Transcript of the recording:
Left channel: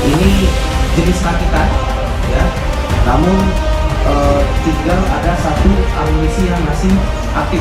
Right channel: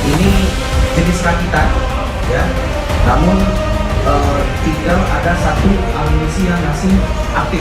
Ini jenis rakitan, ya. Namun tinggal ada satu amunisi yang masih aktif.